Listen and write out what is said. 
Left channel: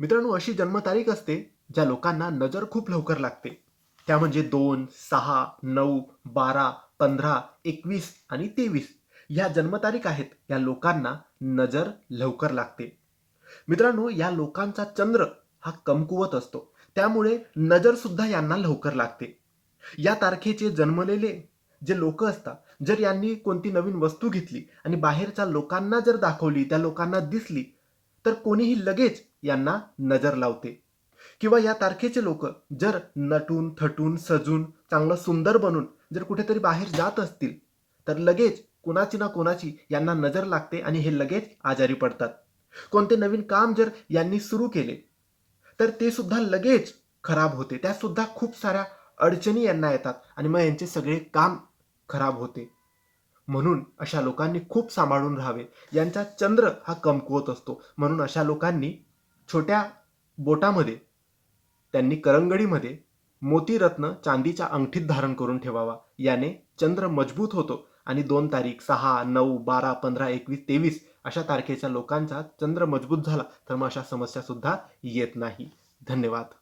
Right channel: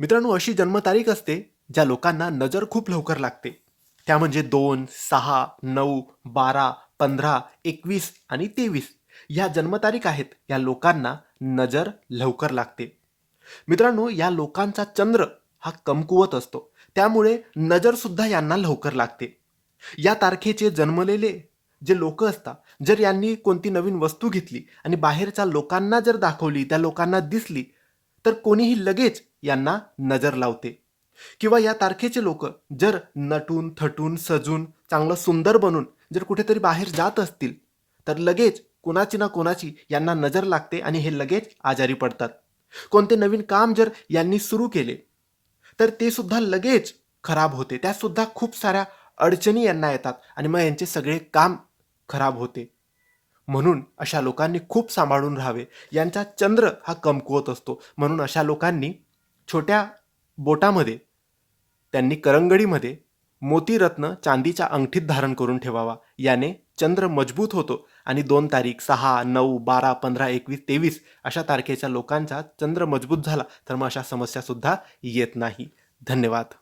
मित्रांनो, अशी जन्मतारीख असते ज्या लोकांना नजर खूप लवकर लागते. त्या म्हणजे 2, 6, 9, 12, 15, 21 आणि 23 ह्या जन्मतारीख आहेत. या लोकांना नजर लवकर लागते. मित्रांनो, या लोकांचा चंद्र हा कमकुवत असतो. त्यामुळे नजर सुद्धा यांना लवकर लागते. या तारखेचे जन्मलेले जे लोक असतात, जर यांनी कोणती नवीन वस्तू घेतली आणि बाहेरच्या लोकांना जर दाखवली, त्या लोकांना दिसली, तर कोणीही लगेच यांना नजर लावते. किंवा या तारखेचे लोक जर नटून थटून सजून चांगलं सुंदर बनून जर कुठेतरी बाहेर जात असतील, तर लगेच कोणाची ना कोणाची यांना नजर लागते आणि हे लगेच आजारी पडतात. कोणते नवीन काम जर यांनी सुरू केले, तर ते सुद्धा लगेच खराब होते. त्यात सुद्धा खूप साऱ्या अडचणी यांना येतात आणि मग यांचे सगळे काम खराब होते. म्हणून अशा लोकांनी खूप सांभाळून राहावे. यांचा चंद्र हा कमकुवत असतो. म्हणून अशा लोकांनी छोट्या बोटामध्ये, त्यांनी करंगडीमध्ये मोतीरत्न चांदीच्या अंगठीत धारण करून ठेवावा. याने चंद्र मजबूत होतो आणि 2 तारीख, 6, 9, 12, 15, 21, 23 अशा तारखेच्या लोकांचा चंद्र मजबूत झाला, तर मग अशा समस्यासुद्धा येत नाही. धन्यवाद.